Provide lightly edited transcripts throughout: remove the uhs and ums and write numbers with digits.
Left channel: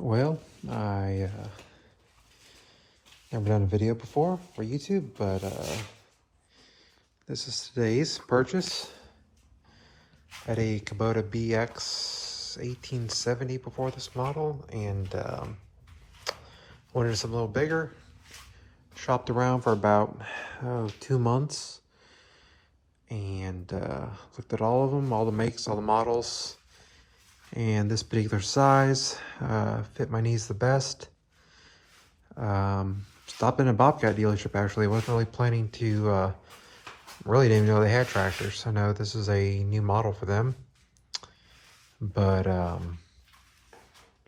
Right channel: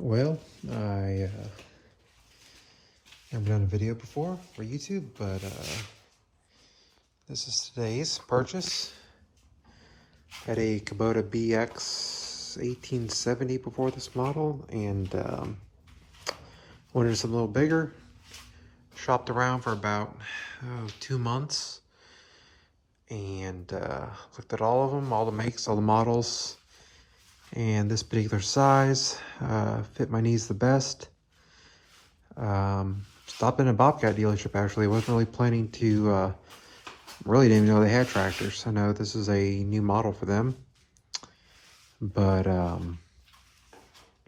Well, I never done a video before for YouTube, but this is today's purchase. Had a Kubota BX 1870 before this model, and wanted something a little bigger. Shopped around for about 2 months, and looked at all of them, all the makes, all the models. And this particular size fit my needs the best. Stopped in a Bobcat dealership actually. Wasn't really planning to, really didn't even know they had tractors. I know this is a new model for them. But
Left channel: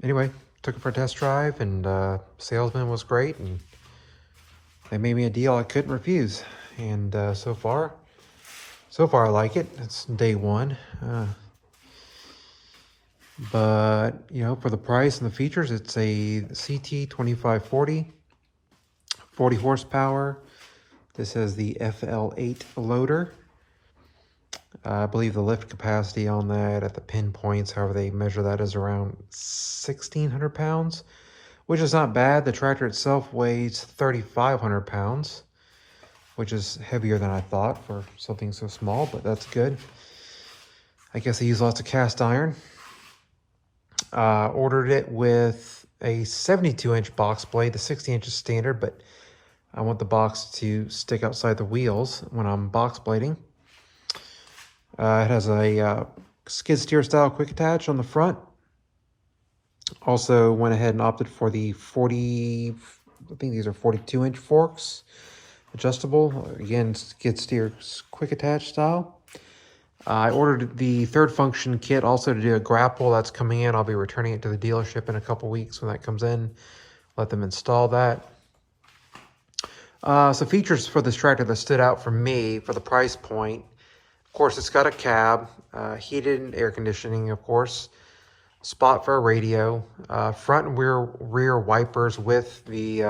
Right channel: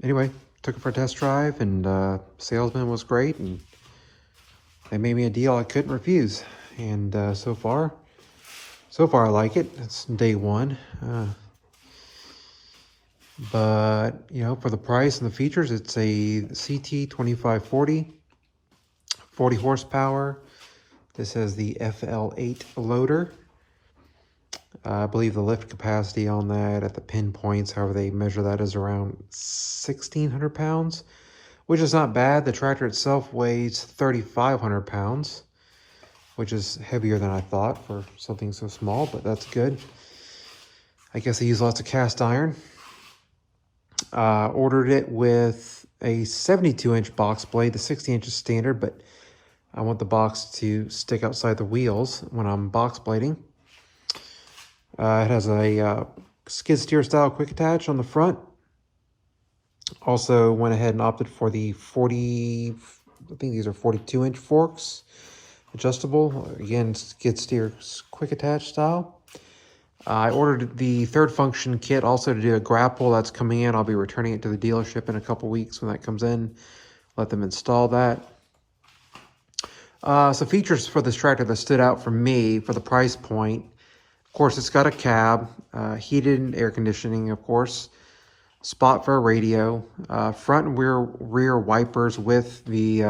anyway, took it for a test drive, and salesman was great, and they made me a deal I couldn't refuse. And so far I like it. It's day one. But, you know, for the price and the features, it's a CT2540, 40 horsepower. This has the FL8 loader. I believe the lift capacity on that at the pinpoints, however they measure that, is around 1,600 pounds, which is not bad. The tractor itself weighs 3,500 pounds, which is heavier than I thought for something so small, but that's good. I guess they use lots of cast iron. Ordered it with a 72-inch box blade. The 60 inch is standard, but I want the box to stick outside the wheels when I'm box blading. It has a skid steer style quick attach on the front. Also went ahead and opted for the 40, I think these are 42-inch forks, adjustable. Again, skid steer quick attach style. I ordered the third function kit also to do a grapple. That's coming in. I'll be returning it to the dealership in a couple weeks when that comes in. Let them install that. So features for this tractor that stood out for me for the price point. Of course, it's got a cab, heated and air conditioning, of course, spot for a radio, front and rear wipers with the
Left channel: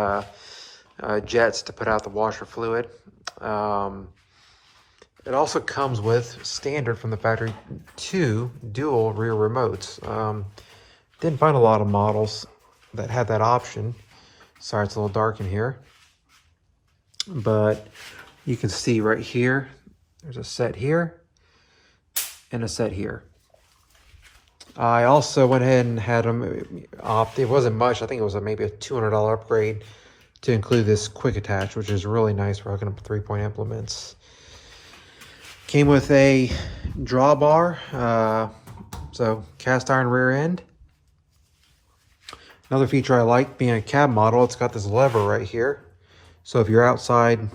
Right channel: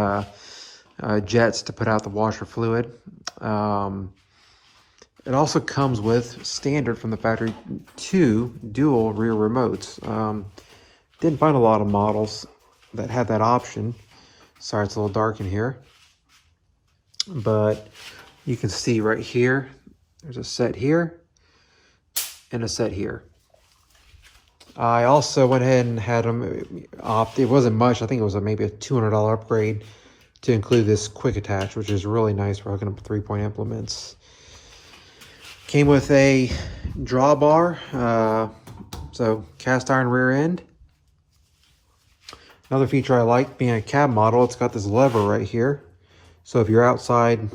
jets to put out the washer fluid. It also comes with, standard from the factory, 2 dual rear remotes. Didn't find a lot of models that had that option. Sorry, it's a little dark in here. But you can see right here, there's a set here and a set here. I also went ahead and had them, it wasn't much, I think it was maybe a $200 upgrade to include this quick attach, which is really nice for hooking up 3-point implements. Came with a drawbar, so cast iron rear end. Another feature I like, being a cab model, it's got this lever right here. So if you're outside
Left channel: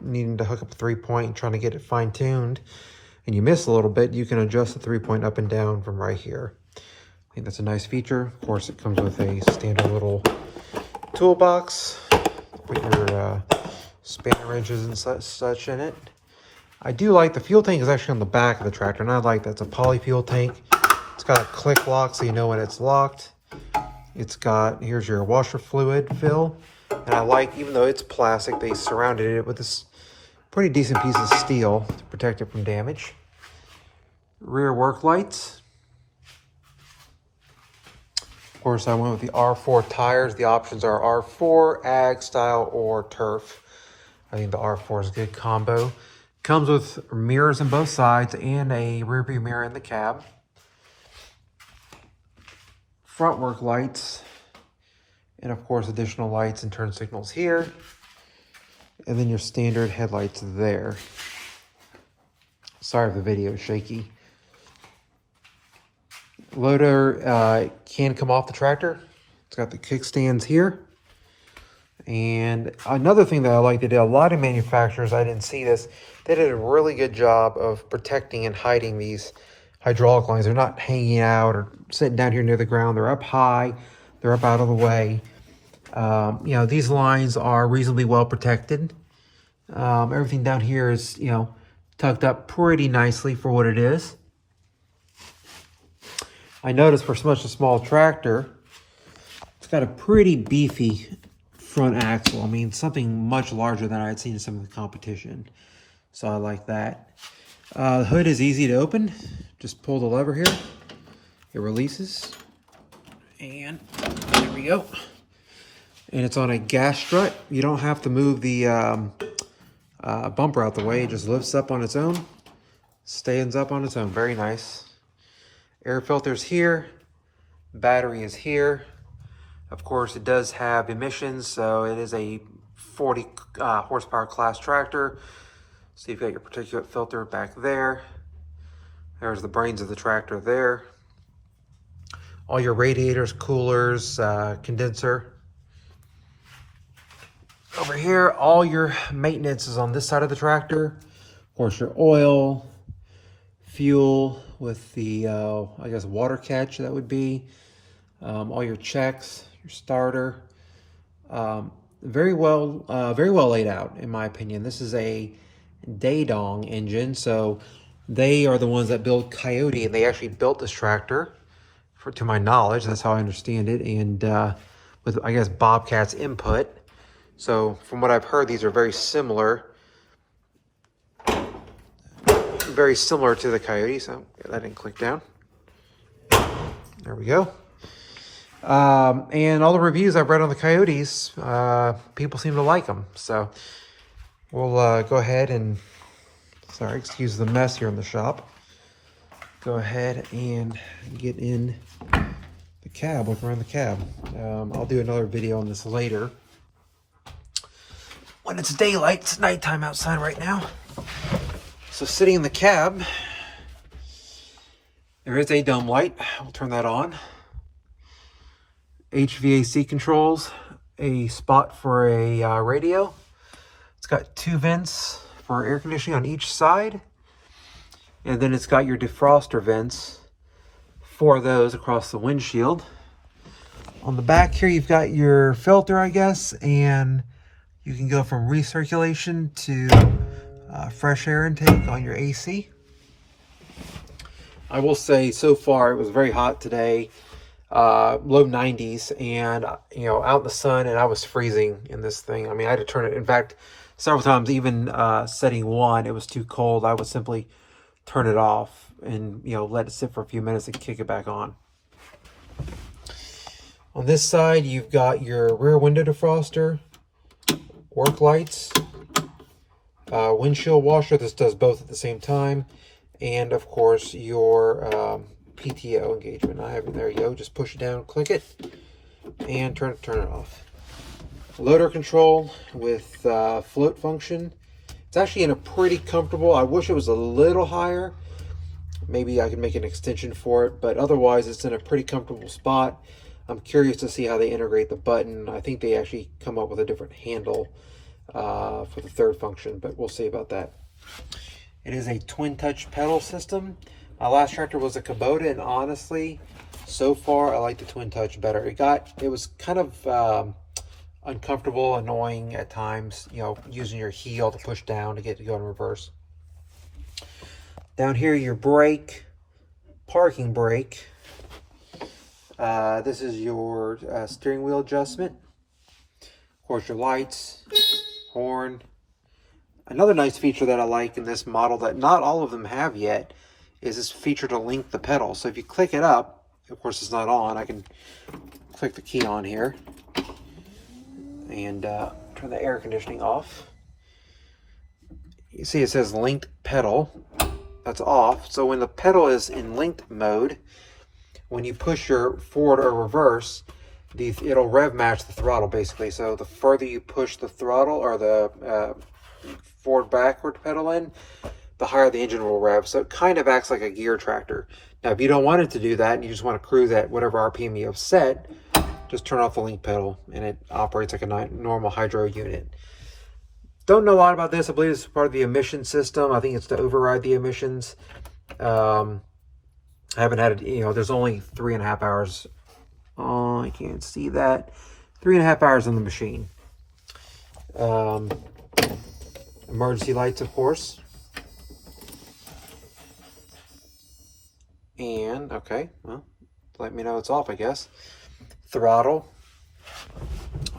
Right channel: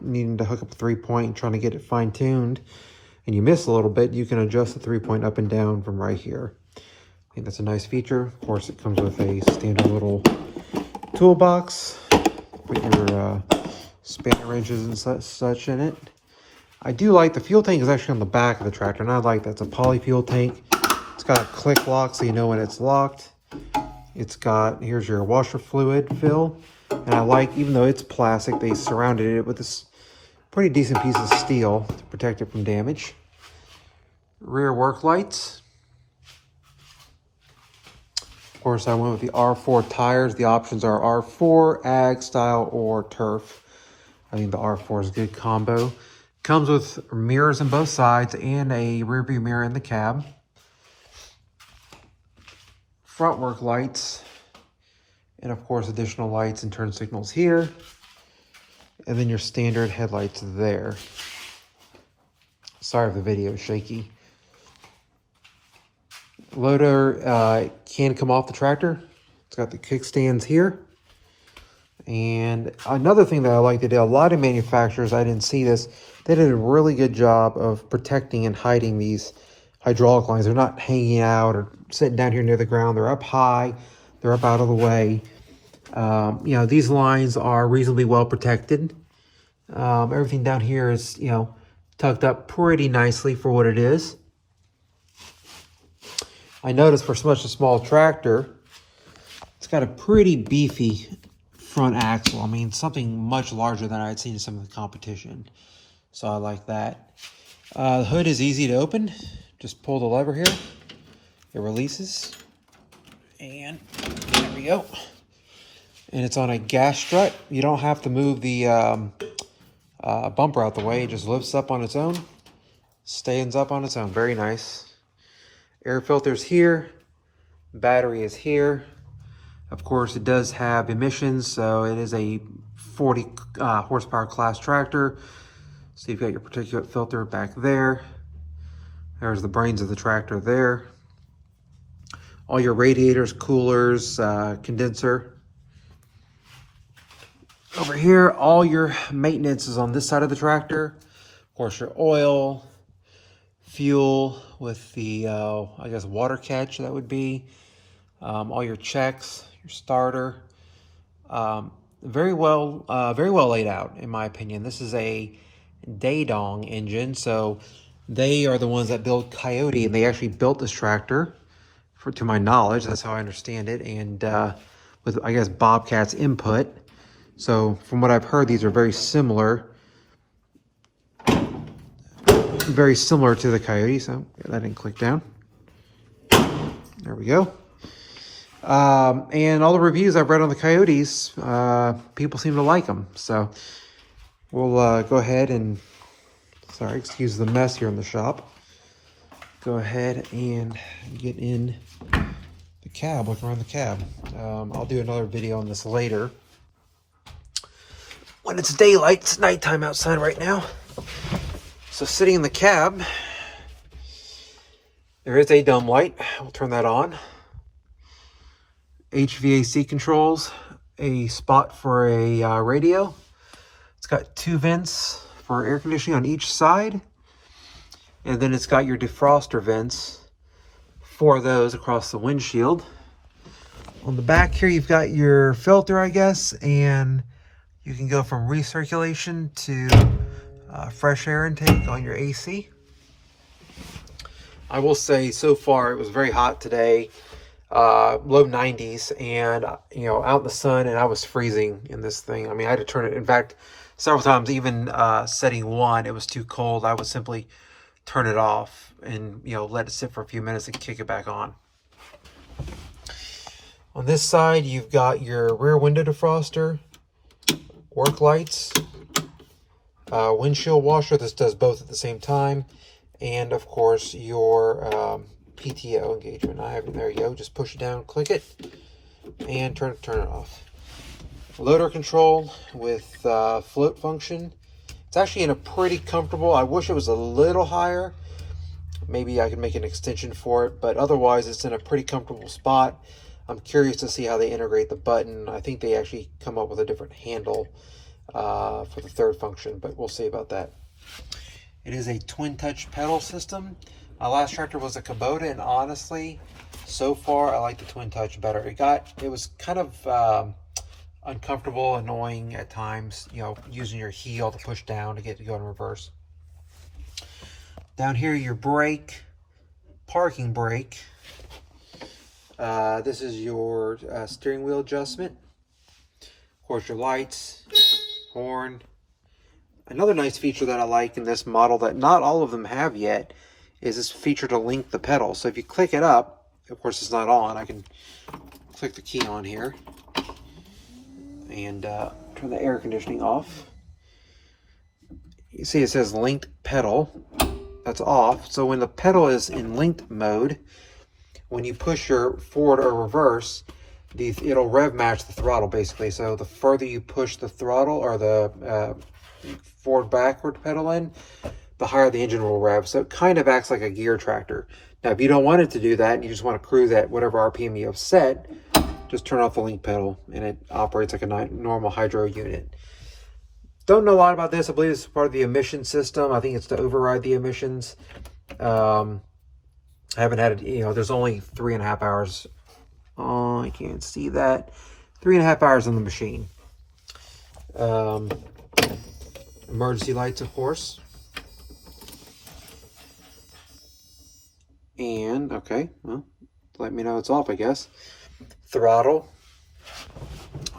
needing to hook up a 3-point and trying to get it fine-tuned, and you miss a little bit, you can adjust the 3-point up and down from right here. I think that's a nice feature. Of course, it comes with a standard little toolbox. Put your spade wrenches and such in it. I do like the fuel tank is actually on the back of the tractor, and I like that. It's a poly fuel tank. It's got a click lock so you know when it's locked. It's got, here's your washer fluid fill. And I like, even though it's plastic, they surrounded it with this pretty decent piece of steel to protect it from damage. Rear work lights. Of course, I went with the R4 tires. The options are R4, Ag, Style, or Turf. I think the R4 is a good combo. Comes with mirrors on both sides and a rear view mirror in the cab. Front work lights. And of course, additional lights and turn signals here. And then your standard headlights there. Sorry if the video is shaky. Loader can come off the tractor. It's got the kickstands here. And another thing that I like, they did, a lot of manufacturers, I didn't see this, they did a really good job of protecting and hiding these hydraulic lines. They're not hanging out or sitting down here near the ground. They're up high. They're up out of the way. You know, these lines are reasonably well protected. Everything down here is, you know, tucked up pretty nicely for what it is. I noticed for such a small tractor, it's got a pretty beefy front axle. I mean, something much larger than I had seen in some of the competition. So I like that. The hood is easy to open. Just pull the lever here. It releases. And there we go. And it's on a gas strut. You don't have to move the bumper out the way. It just lifts up on its own, stands up on its own. Very nice. Air filter's here. Battery is here. Of course, it does have emissions, so it is a 40 horsepower class tractor. So you've got your particulate filter back there. There's the brains of the tractor there. All your radiators, coolers, condenser. Over here, all your maintenance is on this side of the tractor. Of course, your oil, fuel with the, I guess, water catch that would be. All your checks, your starter. Very well laid out, in my opinion. This is a Daedong engine, so they are the ones that build Coyote. They actually built this tractor, to my knowledge. That's how I understand it, and with, I guess, Bobcat's input. So from what I've heard, these are very similar to the Coyote. So that didn't click down. There we go. And all the reviews I've read on the Coyotes, people seem to like them. So we'll go ahead and, sorry, excuse the mess here in the shop. Go ahead and get in the cab, look around the cab. I'll do another video on this later. When it's daylight, it's nighttime outside right now. So sitting in the cab, there is a dome light. We'll turn that on. HVAC controls, a spot for a radio. It's got 2 vents for air conditioning on each side. And then it's got your defroster vents, 4 of those across the windshield. On the back here, you've got your filter, I guess, and you can go from recirculation to fresh air intake on your AC. I will say, so far, it was very hot today, low 90s, and, you know, out in the sun, and I was freezing in this thing. I mean, I had to turn it, in fact, several times, even setting 1, it was too cold. I would simply turn it off and, you know, let it sit for a few minutes and kick it back on. On this side, you've got your rear window defroster, work lights, windshield washer. This does both at the same time, and of course your PTO engagement. I have it. There you go. Just push it down, click it, and turn it off. Loader control with float function. It's actually in a pretty comfortable. I wish it was a little higher. Maybe I could make an extension for it, but otherwise it's in a pretty comfortable spot. I'm curious to see how they integrate the button. I think they actually come up with a different handle for the third function, but we'll see about that. It is a twin touch pedal system. My last tractor was a Kubota, and honestly, so far I like the twin touch better. It was kind of uncomfortable, annoying at times, you know, using your heel to push down to get to go in reverse. Down here, your brake, parking brake. This is your steering wheel adjustment. Of course, your lights, horn. Another nice feature that I like in this model that not all of them have yet is this feature to link the pedal. So if you click it up, of course it's not on, I can click the key on here and turn the air conditioning off. You see it says linked pedal. That's off. So when the pedal is in linked mode, when you push your forward or reverse, it'll rev match the throttle basically. So the further you push the throttle or the forward backward pedal in, the higher the engine will rev. So it kind of acts like a gear tractor. Now if you don't want it to do that and you just want to cruise at whatever RPM you have set, just turn off the link pedal and it operates like a normal hydro unit. Don't know a lot about this. I believe it's part of the emission system. I think it's to override the emissions. I haven't had it, you know, there's only 3.5 hours. Oh, I can't see that. 3.5 hours on the machine. Emergency lights, of course. And, okay, well, let me know it's off, I guess. Throttle.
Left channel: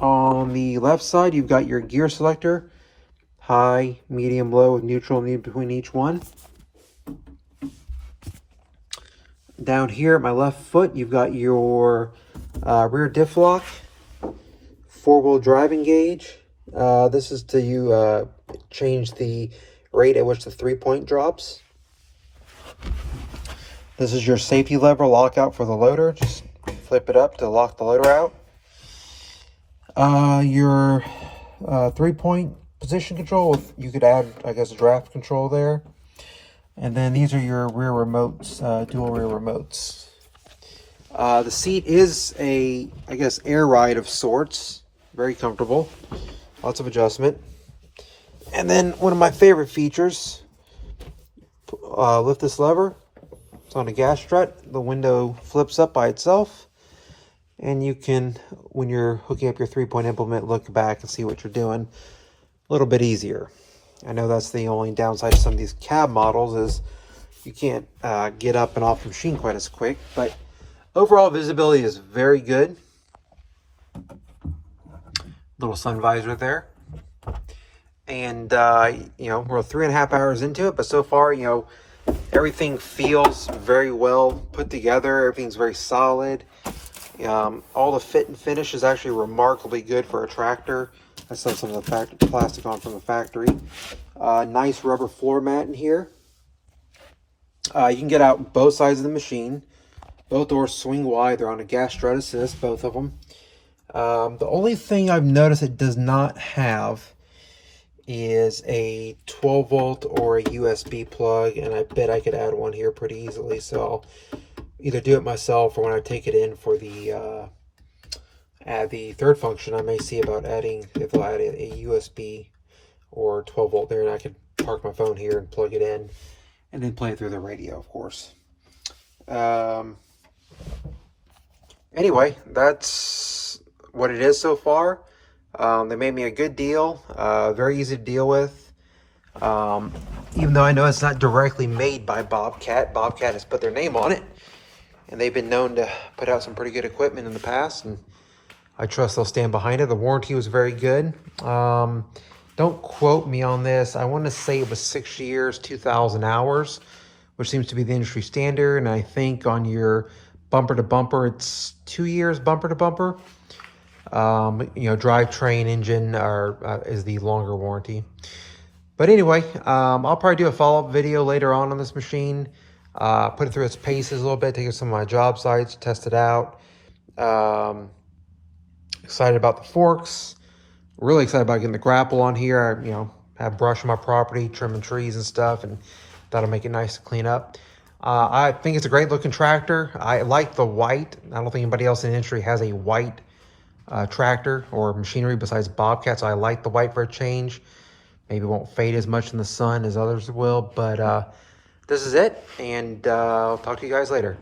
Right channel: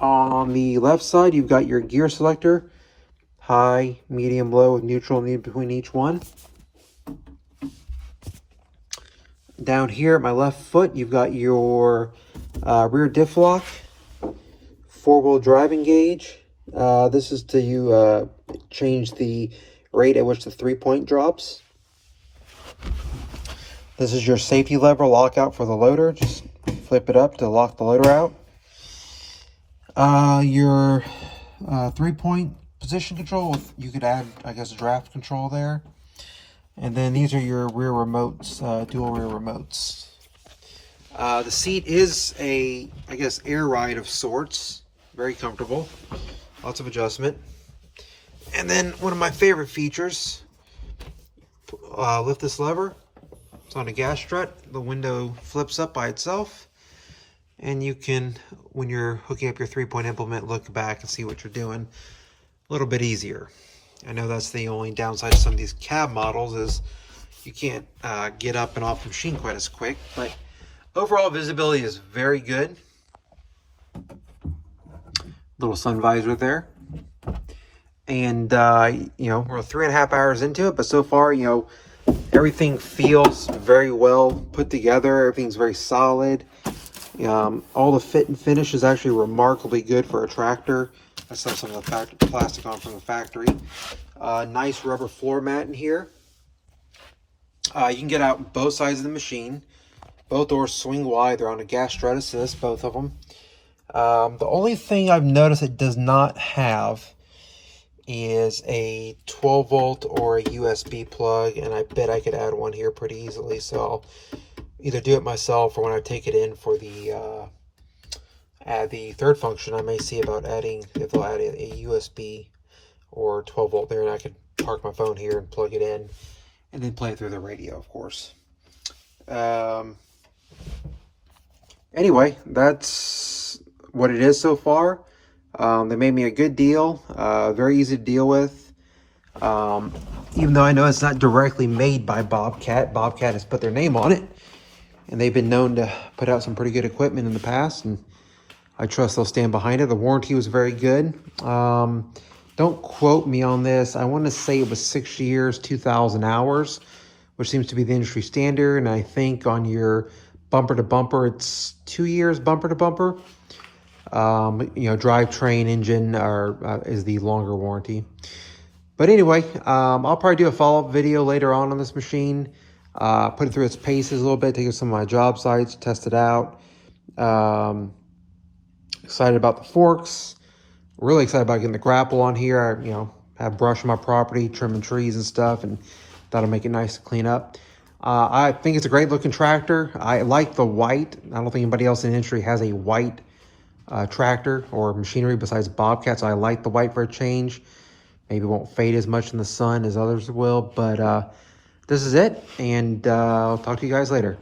On the left side, you've got your gear selector. High, medium, low, with neutral need between each one. down here at my left foot, you've got your rear diff lock, 4-wheel driving gauge. This is to change the rate at which the 3-point drops. This is your safety lever lockout for the loader. Just flip it up to lock the loader out. Your 3-point position control. You could add, I guess, a draft control there. And then these are your rear remotes, dual rear remotes. The seat is a, I guess, air ride of sorts. Very comfortable. Lots of adjustment. And then one of my favorite features, lift this lever. It's on a gas strut. The window flips up by itself. And you can, when you're hooking up your 3-point implement, look back and see what you're doing a little bit easier. I know that's the only downside to some of these cab models is you can't get up and off the machine quite as quick, but overall visibility is very good. Little sun visor there. And, you know, we're 3.5 hours into it, but so far, you know, everything feels very well put together. Everything's very solid. All the fit and finish is actually remarkably good for a tractor. I saw some of the plastic on from the factory. Nice rubber floor mat in here. You can get out both sides of the machine. Both doors swing wide. They're on a gas strut assist, both of them. The only thing I've noticed it does not have is a 12-volt or a USB plug, and I bet I could add one here pretty easily. So I'll either do it myself, or when I take it in for the add the third function, I may see about adding, if they'll add a USB or 12-volt there, and I could park my phone here and plug it in and then play it through the radio, of course. Anyway, that's what it is so far. They made me a good deal, very easy to deal with. Even though I know it's not directly made by Bobcat, Bobcat has put their name on it, and they've been known to put out some pretty good equipment in the past, and I trust they'll stand behind it. The warranty was very good. Don't quote me on this. I want to say it was 6 years, 2,000 hours, which seems to be the industry standard. And I think on your bumper to bumper, it's 2 years bumper to bumper. You know, drivetrain engine is the longer warranty. But anyway, I'll probably do a follow-up video later on this machine. Put it through its paces a little bit, take it to some of my job sites, test it out. Excited about the forks. Really excited about getting the grapple on here. You know, have brush on my property, trimming trees and stuff, and that'll make it nice to clean up. I think it's a great looking tractor. I like the white. I don't think anybody else in the industry has a white tractor or machinery besides Bobcat, so I like the white for a change. Maybe it won't fade as much in the sun as others will, but this is it, and I'll talk to you guys later.